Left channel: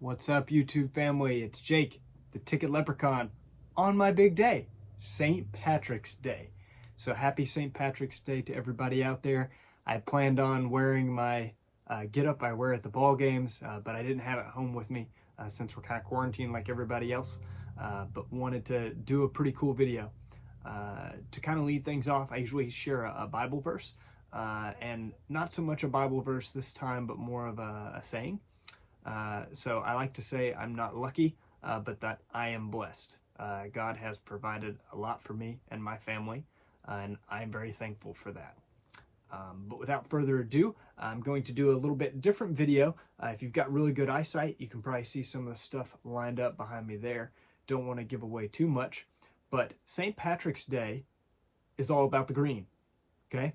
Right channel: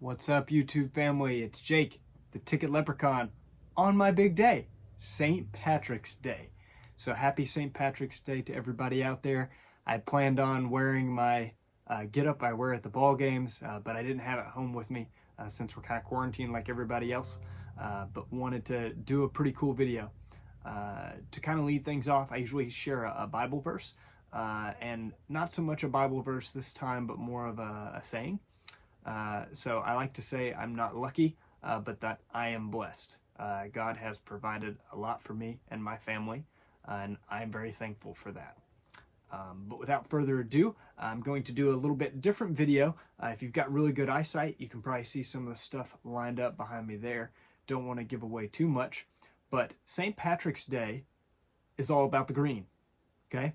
What's up, YouTube family? It's Jake, the Ticket Leprechaun, on my big day, St. Patrick's Day. So happy St. Patrick's Day to everybody out there. I planned on wearing my get-up I wear at the ball games, but I didn't have it home with me since we're kind of quarantined like everybody else, but wanted to do a pretty cool video. To kind of lead things off, I usually share a Bible verse, and not so much a Bible verse this time, but more of a saying. So I like to say I'm not lucky, but that I am blessed. God has provided a lot for me and my family, and I'm very thankful for that. But without further ado, I'm going to do a little bit different video. If you've got really good eyesight, you can probably see some of the stuff lined up behind me there. Don't want to give away too much, but St. Patrick's Day is all about the green, okay?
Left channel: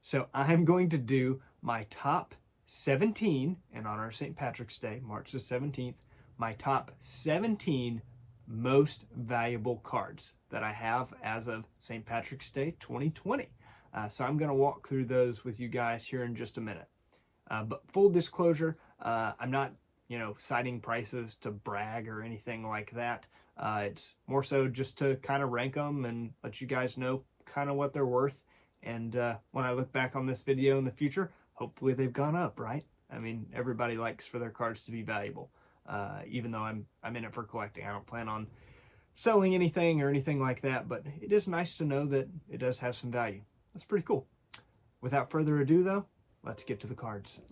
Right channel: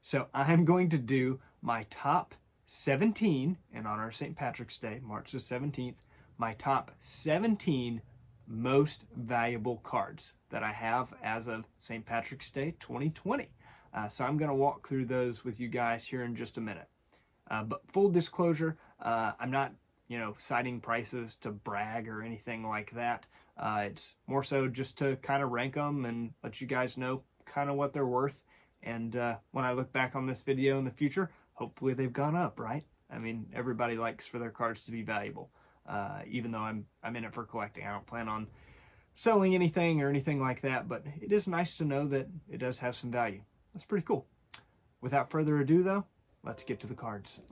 So I'm going to do my top 17, in honor of St. Patrick's Day, March the 17th, my top 17 most valuable cards that I have as of St. Patrick's Day 2020. So I'm going to walk through those with you guys here in just a minute. But full disclosure, I'm not, citing prices to brag or anything like that. It's more so just to kind of rank them and let you guys know kind of what they're worth. And when I look back on this video in the future, hopefully they've gone up, right? I mean, everybody likes for their cards to be valuable, even though I'm in it for collecting. I don't plan on selling anything or anything like that, but it is nice to know that it does have some value. That's pretty cool. Without further ado, though, let's get to the cards.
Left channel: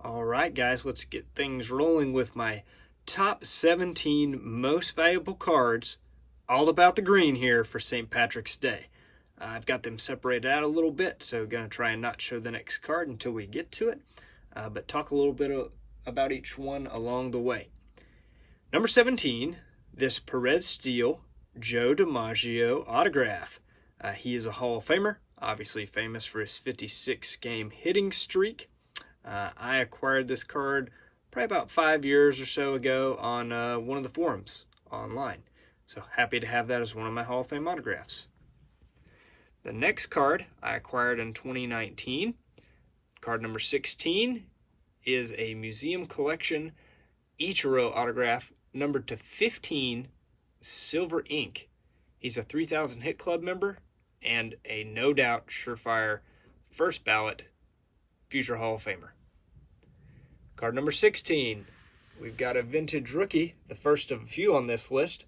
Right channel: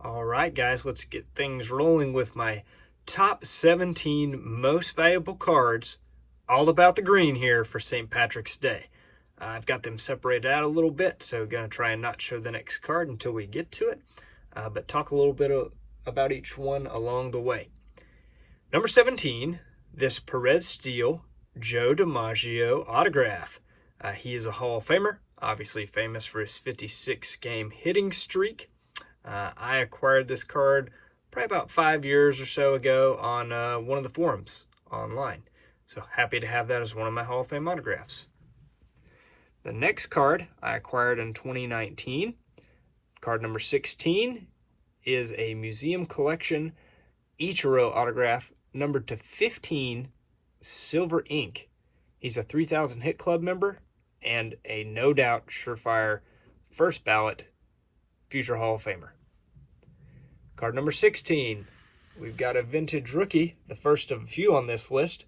All right, guys, let's get things rolling with my top 17 most valuable cards, all about the green here for St. Patrick's Day. I've got them separated out a little bit, so going to try and not show the next card until we get to it, but talk a little bit about each one along the way. Number 17, this Perez Steel Joe DiMaggio autograph. He is a Hall of Famer, obviously famous for his 56-game hitting streak. I acquired this card probably about 5 years or so ago on one of the forums online, so happy to have that as one of my Hall of Fame autographs. The next card I acquired in 2019, card number 16, is a museum collection ICHIRO autograph numbered to 15, silver ink. He's a 3,000 Hit Club member and a no doubt surefire first ballot future Hall of Famer. Card number 16, we've got a vintage rookie, the first of a few on this list,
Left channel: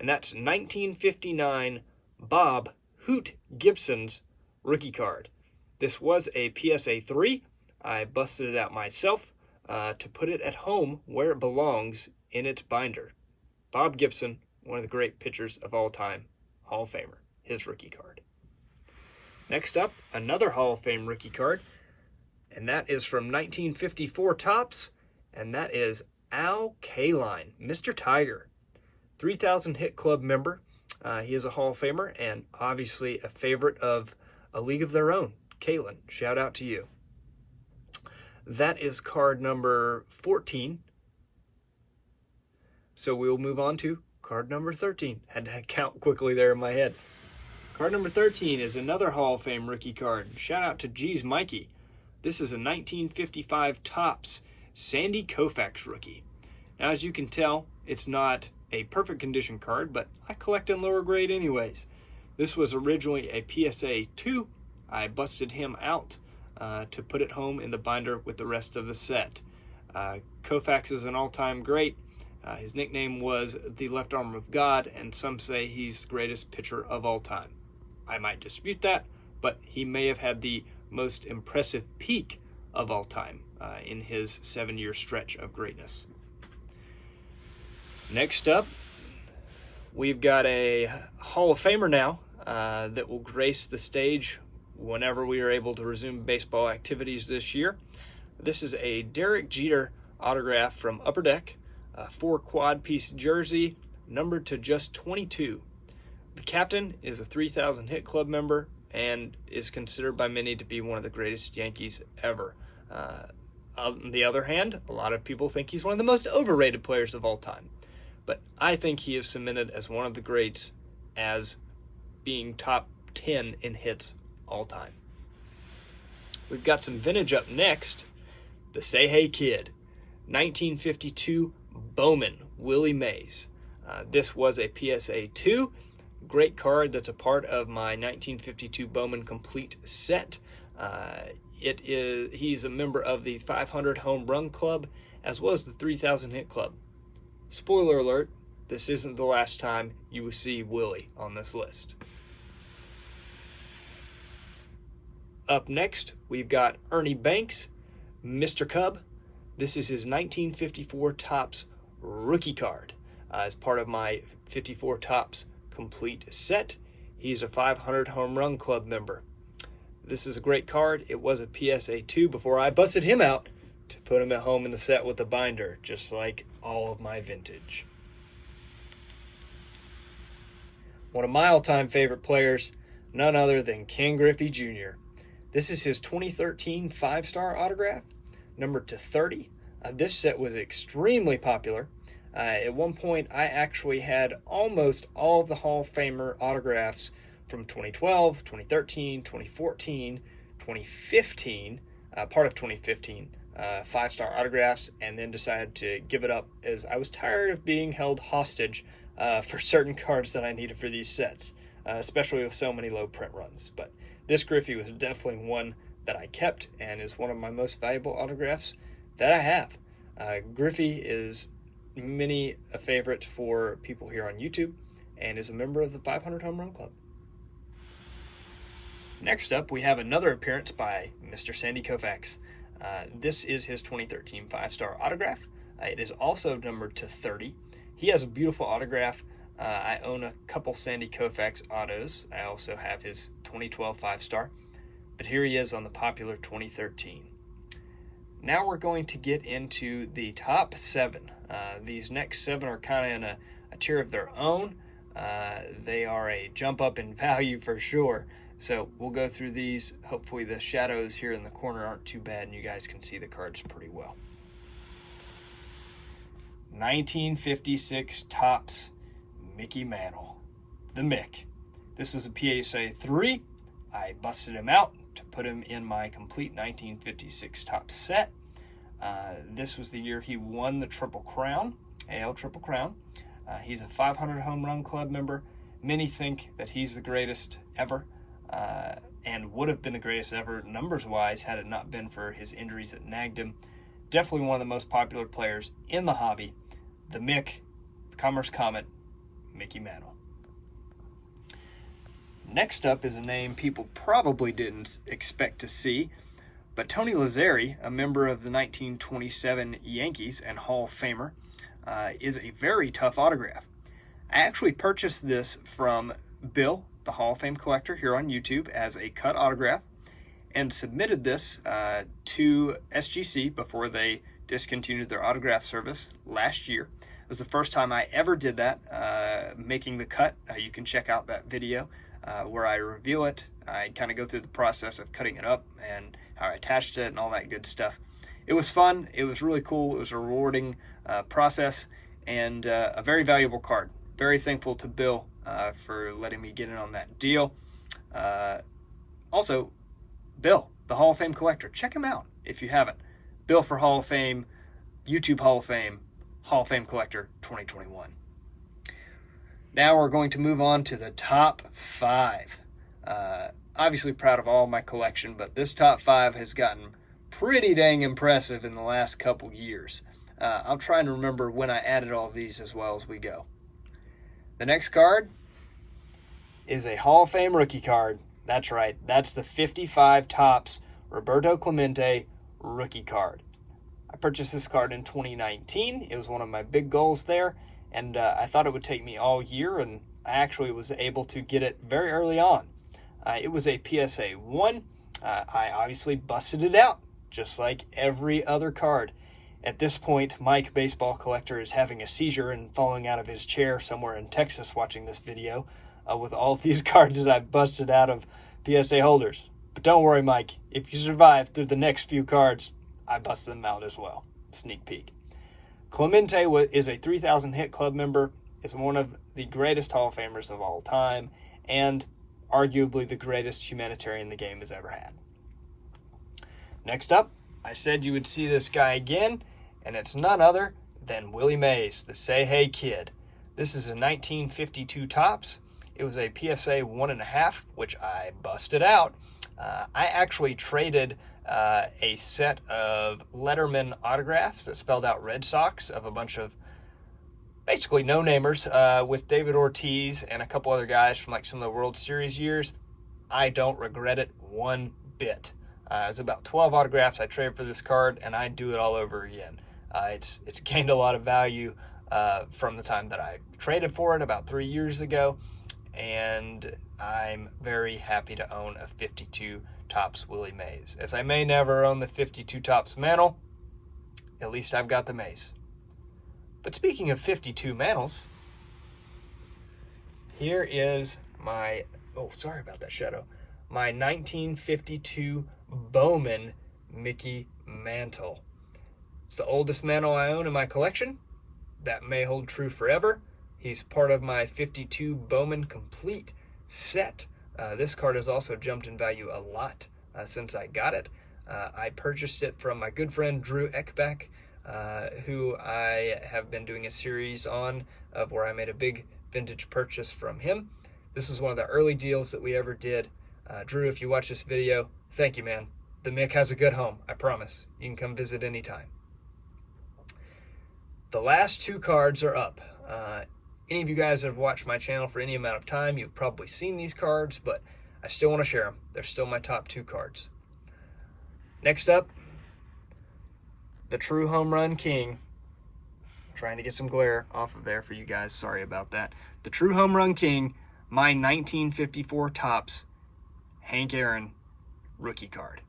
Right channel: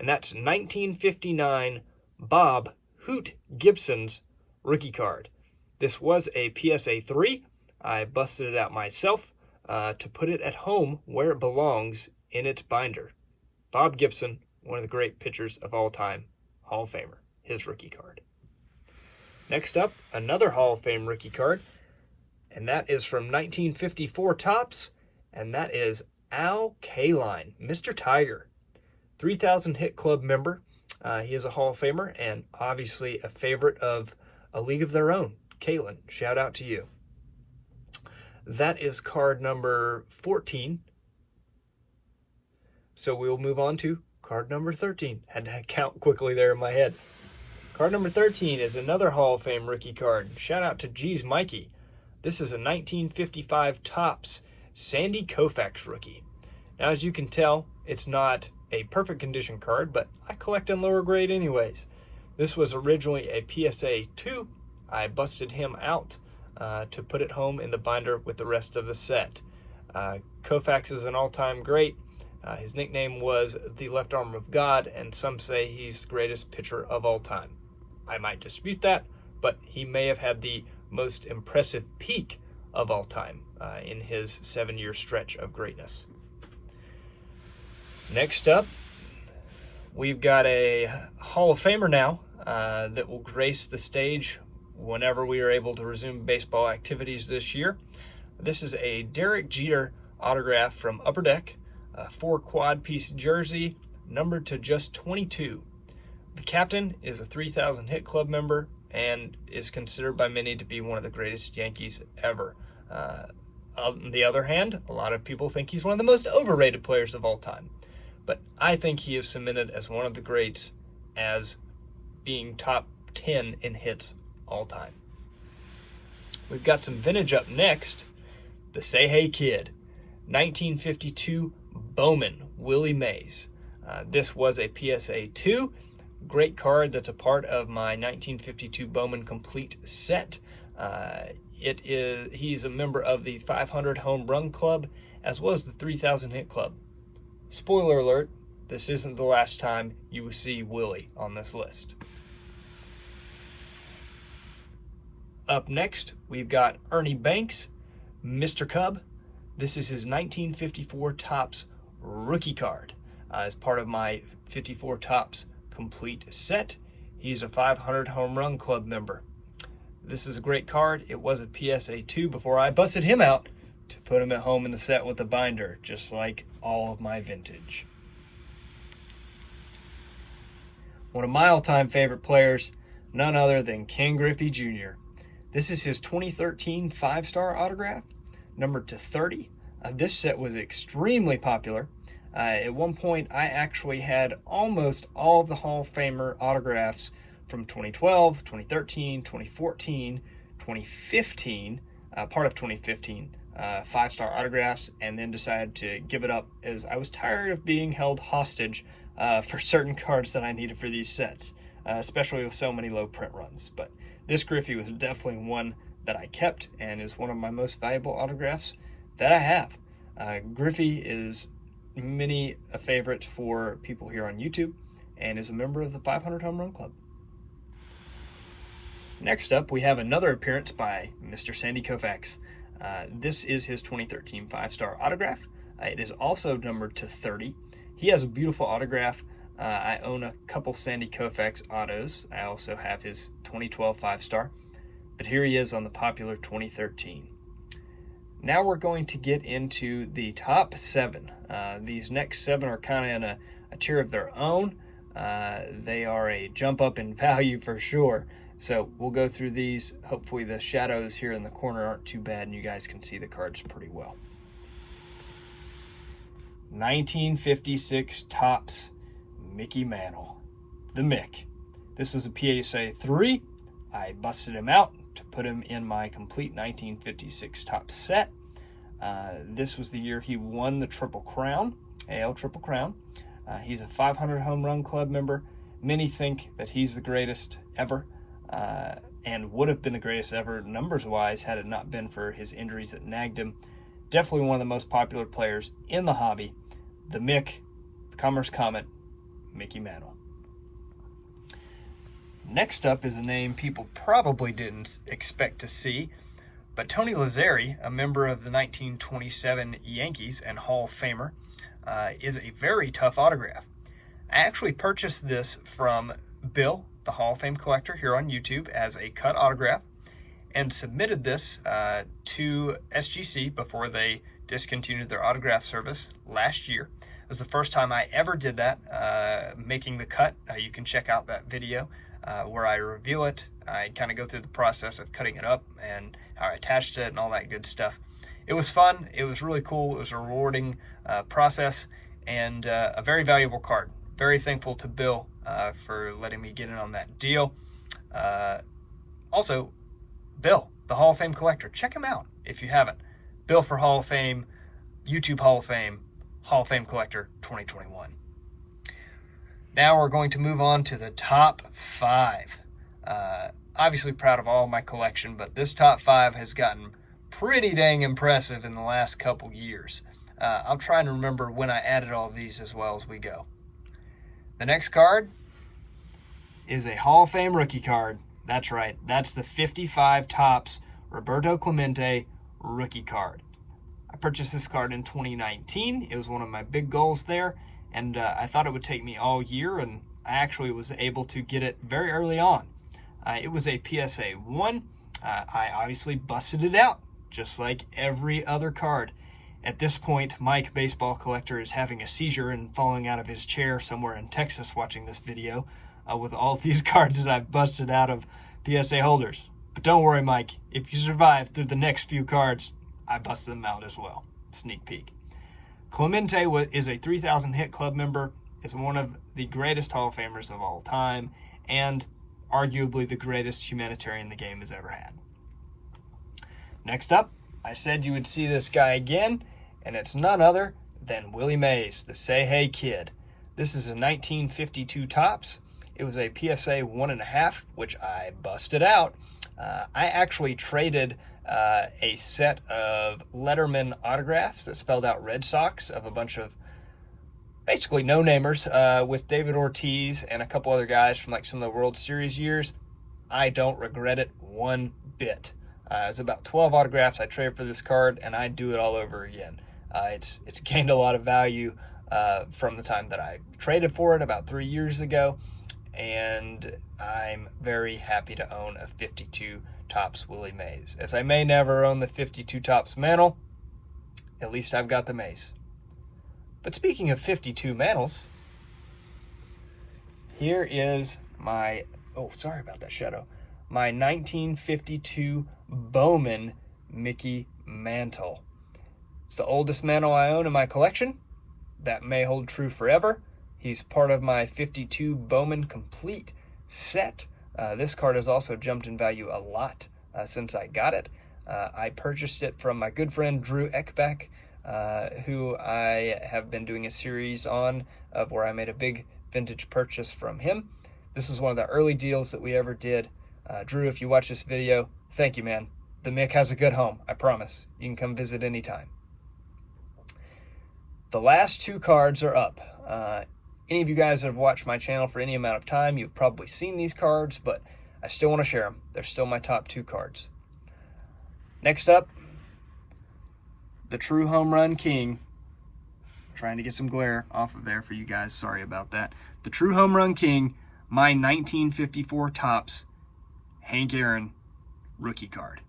and that's 1959 Bob Hoot Gibson's rookie card. This was a PSA 3. I busted it out myself to put it at home where it belongs in its binder. Bob Gibson, one of the great pitchers of all time, Hall of Famer, his rookie card. Next up, another Hall of Fame rookie card, and that is from 1954 Topps, and that is Al Kaline, Mr. Tiger, 3,000 Hit Club member. He is a Hall of Famer and obviously a favorite of A League of Their Own. Caitlin, shout out to you. That is card number 14. So we will move on to card number 13. Had to count quickly there in my head. Card number 13 is another Hall of Fame rookie card. Shout out to G's Mikey. This is a 1955 Topps Sandy Koufax rookie. Now, as you can tell, it's not a perfect condition card, but I collect in lower grade anyways. This was originally a PSA 2. I busted him out to put it home in the binder with the rest of the set. Koufax is an all-time great. His nickname was the left arm of God, and some say he's the greatest pitcher of all time. I might dispute that, but he may have had the most impressive peak of all time in his 7-year stretch of greatness. Next up, we've got a Hall of Famer now that will grace the stage whenever we are able to resume baseball activities this year. This is a Derek Jeter autograph from Upper Deck, a 4-quad-piece jersey numbered to just 22. The captain is a 3,000 Hit Club member and is considered by many to be one of the greatest Yankees ever. On the other hand, a lot of people think he's one of the most overrated players of all time. But I think he is cemented as one of the greats, as being top 10 in hits all time. We've got some vintage up next. The Say Hey Kid, 1952 Bowman, Willie Mays. This was a PSA 2. Great card that's a part of my 1952 Bowman complete set. He's a member of the 500 Home Run Club as well as the 3,000 Hit Club. Spoiler alert, this isn't the last time you will see Willie on this list. Up next, we've got Ernie Banks, Mr. Cub. This is his 1954 Topps rookie card. As part of my 54 Topps complete set. He's a 500 Home Run Club member. This is a great card. It was a PSA 2 before I busted him out to put him at home in the set with the binder, just like all of my vintage. One of my all-time favorite players, none other than Ken Griffey Jr. This is his 2013 5-star autograph, numbered to 30. This set was extremely popular. At one point, I actually had almost all of the Hall of Famer autographs from 2012, 2013, 2014, 2015, part of 2015, 5-star autographs, and then decided to give it up as I was tired of being held hostage for certain cards that I needed for these sets, especially with so many low print runs. But this Griffey was definitely one that I kept and is one of my most valuable autographs that I have. Griffey is many a favorite for people here on YouTube and is a member of the 500 Home Run Club. Next up, we have another appearance by Mr. Sandy Koufax. This is his 2013 5-star autograph. It is also numbered to 30. He has a beautiful autograph. I own a couple Sandy Koufax autos. I also have his 2012 5-star, but here he is on the popular 2013. Now we're going to get into the top 7. These next 7 are kind of in a tier of their own. They are a jump up in value for sure. So we'll go through these. Hopefully the shadows here in the corner aren't too bad and you guys can see the cards pretty well. 1956 Topps Mickey Mantle, the Mick. This was a PSA 3. I busted him out to put him in my complete 1956 Topps set. This was the year he won the Triple Crown, AL Triple Crown. He's a 500 Home Run Club member. Many think that he's the greatest ever, and would have been the greatest ever numbers-wise had it not been for his injuries that nagged him. Definitely one of the most popular players in the hobby. The Mick, the Commerce Comet, Mickey Mantle. Next up is a name people probably didn't expect to see, but Tony Lazzeri, a member of the 1927 Yankees and Hall of Famer, is a very tough autograph. I actually purchased this from Bill, the Hall of Fame collector here on YouTube, as a cut autograph and submitted this to SGC before they discontinued their autograph service last year. It was the first time I ever did that, making the cut. You can check out that video where I reveal it. I kind of go through the process of cutting it up and how I attached it and all that good stuff. It was fun. It was really cool. It was a rewarding process and a very valuable card. Very thankful to Bill for letting me get in on that deal. Also, Bill, the Hall of Fame collector. Check him out if you haven't. Bill for Hall of Fame, YouTube Hall of Fame collector 2021. Now we're going to move on to the top 5. Obviously proud of all my collection, but this top 5 has gotten pretty dang impressive in the last couple years. I'll try and remember when I added all of these as well as we go. The next card is a Hall of Fame rookie card. That's right. That's the 55 Topps Roberto Clemente rookie card. I purchased this card in 2019. It was one of my big goals there, and I thought it would take me all year, and I actually was able to get it very early on. It was a PSA 1. I obviously busted it out, just like every other card. At this point, Mike, baseball collector, is having a seizure and falling out of his chair somewhere in Texas watching this video with all of these cards that I've busted out of PSA holders. But don't worry, Mike. If you survive through the next few cards, I busted them out as well. Sneak peek. Clemente is a 3,000 Hit Club member, is one of the greatest Hall of Famers of all time, and arguably the greatest humanitarian the game has ever had. Next up, I said you would see this guy again, and it's none other than Willie Mays, the Say Hey Kid. This is a 1952 Topps. It was a PSA 1.5, which I busted out. I actually traded a set of Letterman autographs that spelled out Red Sox of a bunch of basically no-namers with David Ortiz and a couple other guys from like some of the World Series years. I don't regret it one bit. It's about 12 autographs I traded for this card, and I'd do it all over again. It's gained a lot of value from the time that I traded for it about 3 years ago, and I'm very happy to own a 52 Topps Willie Mays. As I may never own the 52 Topps Mantle, at least I've got the Mays. But speaking of 52 mantles, here is my, oh, sorry about that shadow, my 1952 Bowman Mickey Mantle. It's the oldest mantle I own in my collection. That may hold true forever. He's part of my 52 Bowman Complete set. This card has also jumped in value a lot since I got it. I purchased it from my good friend Drew Eckbeck, who I have been doing a series on of where I made a big vintage purchase from him. This was one of the early deals that we ever did. Drew, if you watch this video, thank you, man. The Mick has a good home, I promise. You can come visit anytime. The last two cards are up. Any of you guys that have watched my channel for any amount of time, you've probably seen these cards, but I still want to share them. They're still my top two cards. Next up, the true home run king. I'm trying to get some glare off of there for you guys. Sorry about that. The true home run king, my 1954 Topps Hank Aaron rookie card.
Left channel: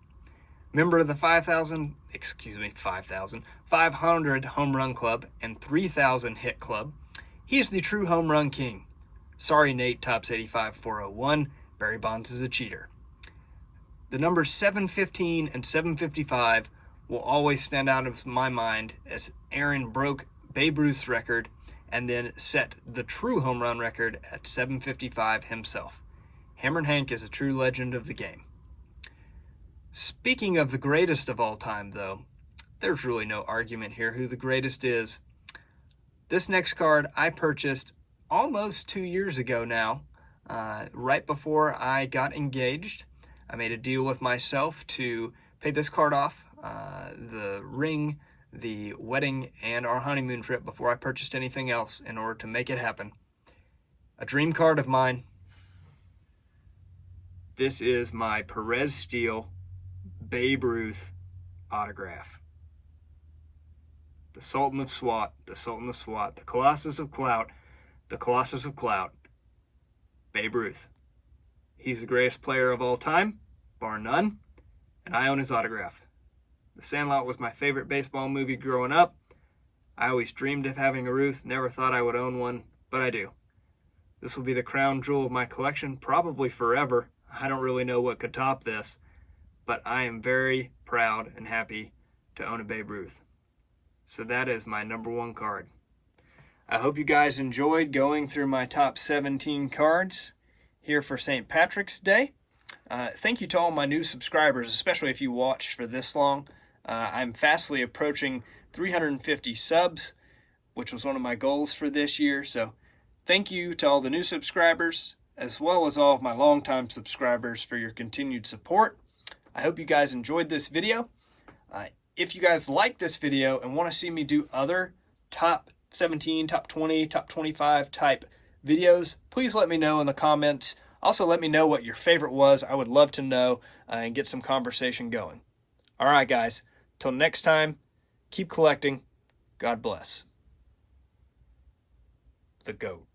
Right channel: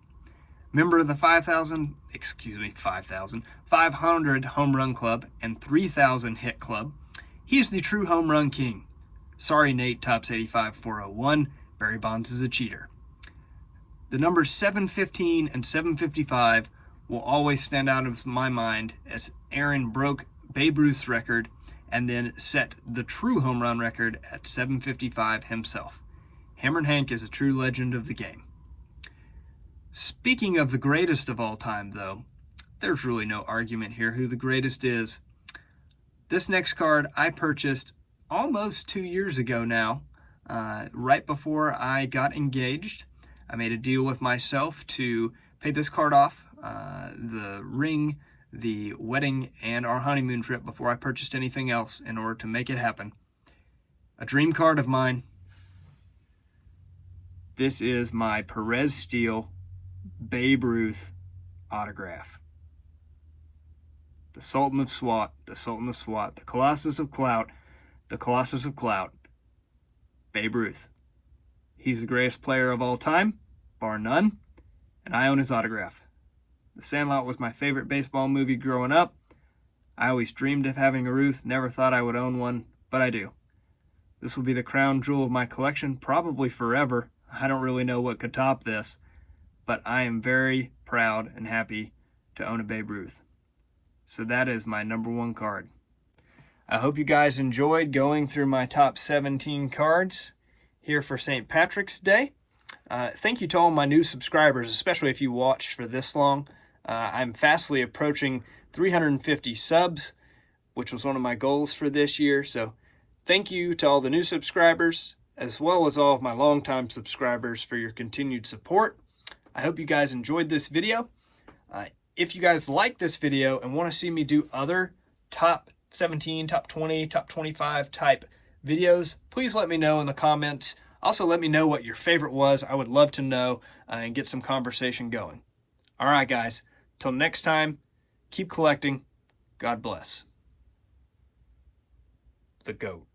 Member of the 500 home run club and 3,000 hit club. He is the true home run king. Sorry, Nate, Topps 85-401. Barry Bonds is a cheater. The numbers 715 and 755 will always stand out of my mind as Aaron broke Babe Ruth's record and then set the true home run record at 755 himself. Hammerin' Hank is a true legend of the game. Speaking of the greatest of all time, though, there's really no argument here who the greatest is. This next card I purchased almost 2 years ago now, right before I got engaged. I made a deal with myself to pay this card off, the ring, the wedding, and our honeymoon trip before I purchased anything else in order to make it happen. A dream card of mine. This is my Perez Steel Babe Ruth autograph. The Sultan of SWAT, the Sultan of SWAT, the Colossus of Clout, the Colossus of Clout, Babe Ruth. He's the greatest player of all time, bar none, and I own his autograph. The Sandlot was my favorite baseball movie growing up. I always dreamed of having a Ruth, never thought I would own one, but I do. This will be the crown jewel of my collection, probably forever. I don't really know what could top this, but I am very proud and happy to own a Babe Ruth. So that is my #1 card. I hope you guys enjoyed going through my top 17 cards here for St. Patrick's Day. Thank you to all my new subscribers, especially if you watched for this long. I'm fastly approaching 350 subs, which was one of my goals for this year. So thank you to all the new subscribers, as well as all of my longtime subscribers for your continued support. I hope you guys enjoyed this video. If you guys like this video and want to see me do other top 17, top 20, top 25 type videos, please let me know in the comments. Also, let me know what your favorite was. I would love to know and get some conversation going. All right, guys. Till next time, keep collecting. God bless. The GOAT.